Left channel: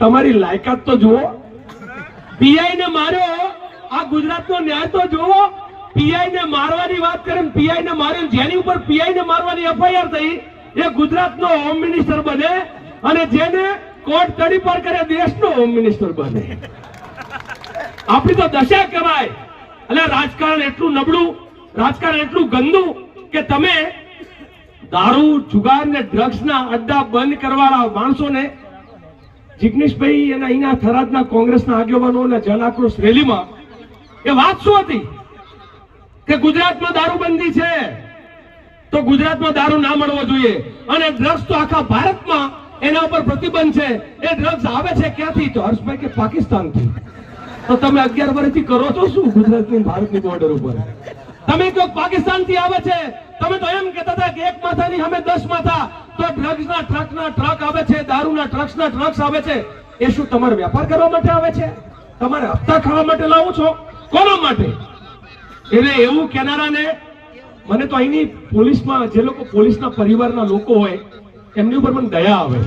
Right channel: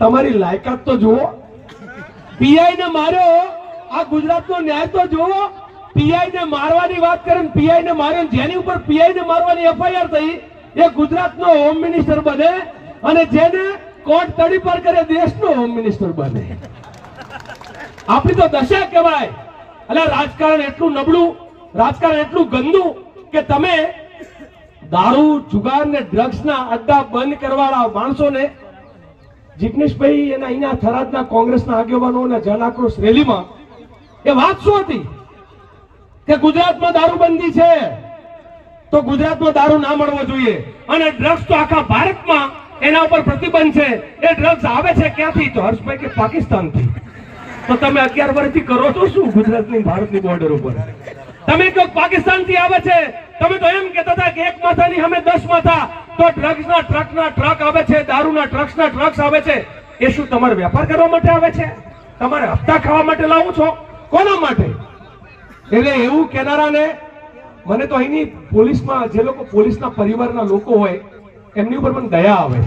તમારી લાયકાત તો જુઓ. પીઆઈ ને માર્યો, આ ગુજરાતનો ન્યાય તો જુઓ. પીઆઈ ને મારવાની વાત કરે, પીઆઈ ને માર્યો, જેની ઉપર પીઆઈ ને મારવાની એફઆઈઆર થઈ એ ગુજરાતનો હોમ મિનિસ્ટર બને, અને જેને કોર્ટ તડી પર કરે દેશનો હોમ મિનિસ્ટર બને. આપણી તો દશા કહેવાય. એટલે રાજકારણ એટલું નબળું, રાજકારણ એટલું ગંદુ કે તમે દારૂ, જુગાર ને ડ્રગ્સના અડ્ડા બંધ કરવાના માણસોને જિગ્નેશભાઈ અને અહીંના થરાદના કોંગ્રેસના આગેવાનોના જન આક્રોશ રેલીમાં એ વાત શું હતી કે ગુજરાતમાં દારૂબંધી છે તો ગુજરાતમાં દારૂ ના મળવો જોઈએ, અને ડ્રગ્સ તો આખા ભારતમાં એના ઉપર પ્રતિબંધ છે. એ ડ્રગ્સ આવે છે ક્યાંથી? તો હર્ષભાઈ કે પાકિસ્તાનથી. તો તમે 11 વર્ષથી કરો છો શું ગુજરાતની ભારતની બોર્ડર ઉપર? તમે કહો પાકિસ્તાનથી આવે છે, તમે તો એમ કહેતા હતા કે એક માથાની સામે 10 માથા. તો ડ્રગ્સના ટ્રક આવે છે, દારૂના ટ્રક્સ આવે છે. એ શું તમારે વેપાર કરવા માટે આવે છે? તમારે હપ્તા ખાવા માટે લાવો છો? કોના માટે? એટલે એવું કેનારાને મને તો અહીંની પોલીસમાં જે લોકો પોલીસના પરિવારના લોકો હોય એમની ઉપર મને દયા આવે.